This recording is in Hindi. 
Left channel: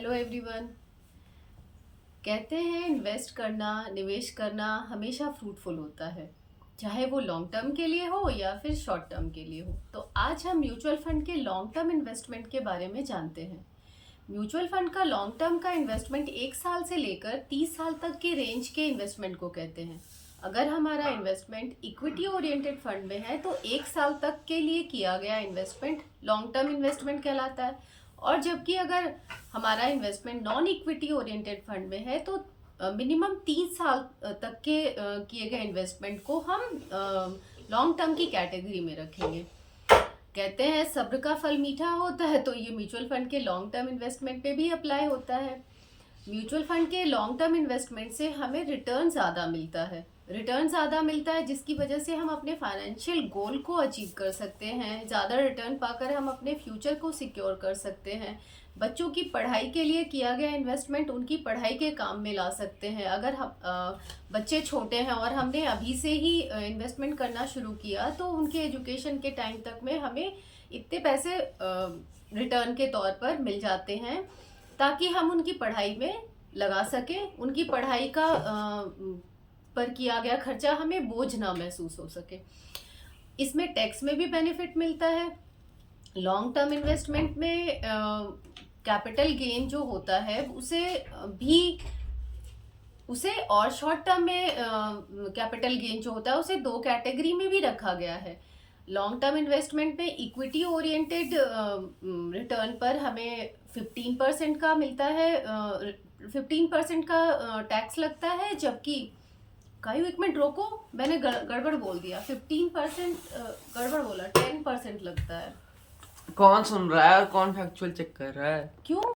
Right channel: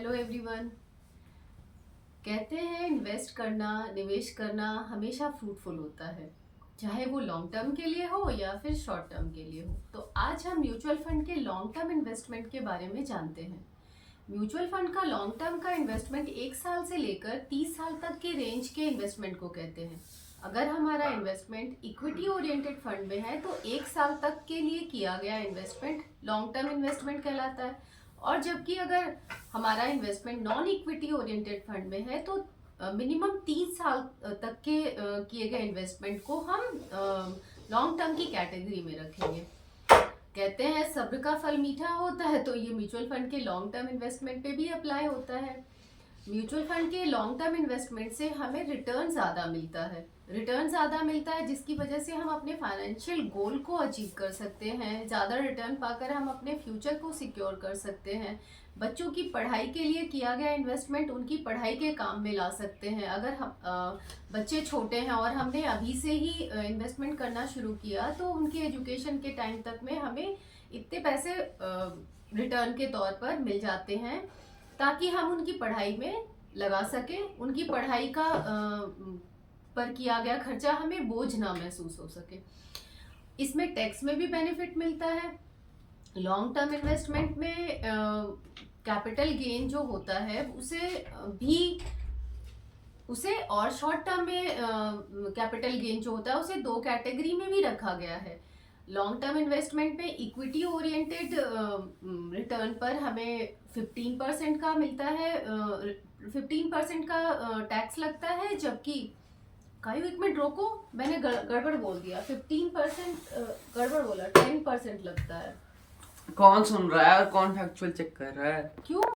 Hello everyone. कहते हैं इन्वेस्ट करना, निवेश करना हमेशा फ्रूटफुल होता है, चाहे वो लॉन्ग टर्म के लिए हो या फिर शॉर्ट टर्म के लिए हो। तो आज हम म्यूचुअल फंड के लॉन्ग टर्म इन्वेस्टमेंट के बारे में जानते हैं। म्यूचुअल फंड का लॉन्ग टर्म का इन्वेस्टमेंट 1 साल से लेकर 30 साल तक के रेंज के इन्वेस्टमेंट को कहते हैं। अगर हमारा इन्वेस्टमेंट इक्विटी ओरिएंटेड फंड में है तो 1 साल तक के लिए किया गया इन्वेस्टमेंट लॉन्ग टर्म इन्वेस्टमेंट कहलाता है। और जबकि अगर हमारा investment non equity oriented fund में है तो मिनिमम 3 साल तक के किए गए इन्वेस्टमेंट को हम लॉन्ग टर्म की कैटेगरी में रखेंगे। कहते हैं सब्र का फल मीठा होता है, तो ये म्यूचुअल फंड के लॉन्ग टर्म इन्वेस्टमेंट पे भी अप्लाई होता है। म्यूचुअल फंड के लॉन्ग टर्म इन्वेस्टमेंट से हमें रिटर्न ज़्यादा मिलता है जिसकी वजह से हम अपने फाइनेंशियल गोल को अचीव कर सकते हैं। ज़्यादा रिटर्न पाकर हम अपने फ्यूचर को सिक्योर कर सकते हैं। बच्चों की पढ़ाई के लिए किया गया इन्वेस्टमेंट उनकी पढ़ाई के काम में ला सकते हैं। अगर हम बच्चे छोटे हैं और हमने अभी से ही इन्वेस्टमेंट करना शुरू किया तो उनके एजुकेशन के टाइम तक में हमें इतने पैसे रिटर्न के तौर पर मिल जाते हैं ताकि हम उनकी पढ़ाई में लगा सकें। उनकी पढ़ाई का पर किया गया खर्चा हमें बोझ ना महसूस हो सके। इसमें टैक्स में भी बेनिफिट मिलता है। लॉन्ग टर्म इन्वेस्टमेंट में कैपिटल गेन जो होता है उसे और शॉर्ट टर्म में कैपिटल गेन जो होता है उसे दो कैटेगरी में भी रखा गया है। लॉन्ग टर्म इन्वेस्टमेंट में इक्विटी ओरिएंटेड रिटर्न पर हमें 15% का मिलता है, 15% का टैक्स लगता है। जबकि कायू एक मिनट रोको, मैंने गड़बड़ बोल दिया, 15% गड़बड़ बोला, 10% लगता है। कौन सुन रहा है और कौन फैक्चुअल चेक कर रहा है? क्यों?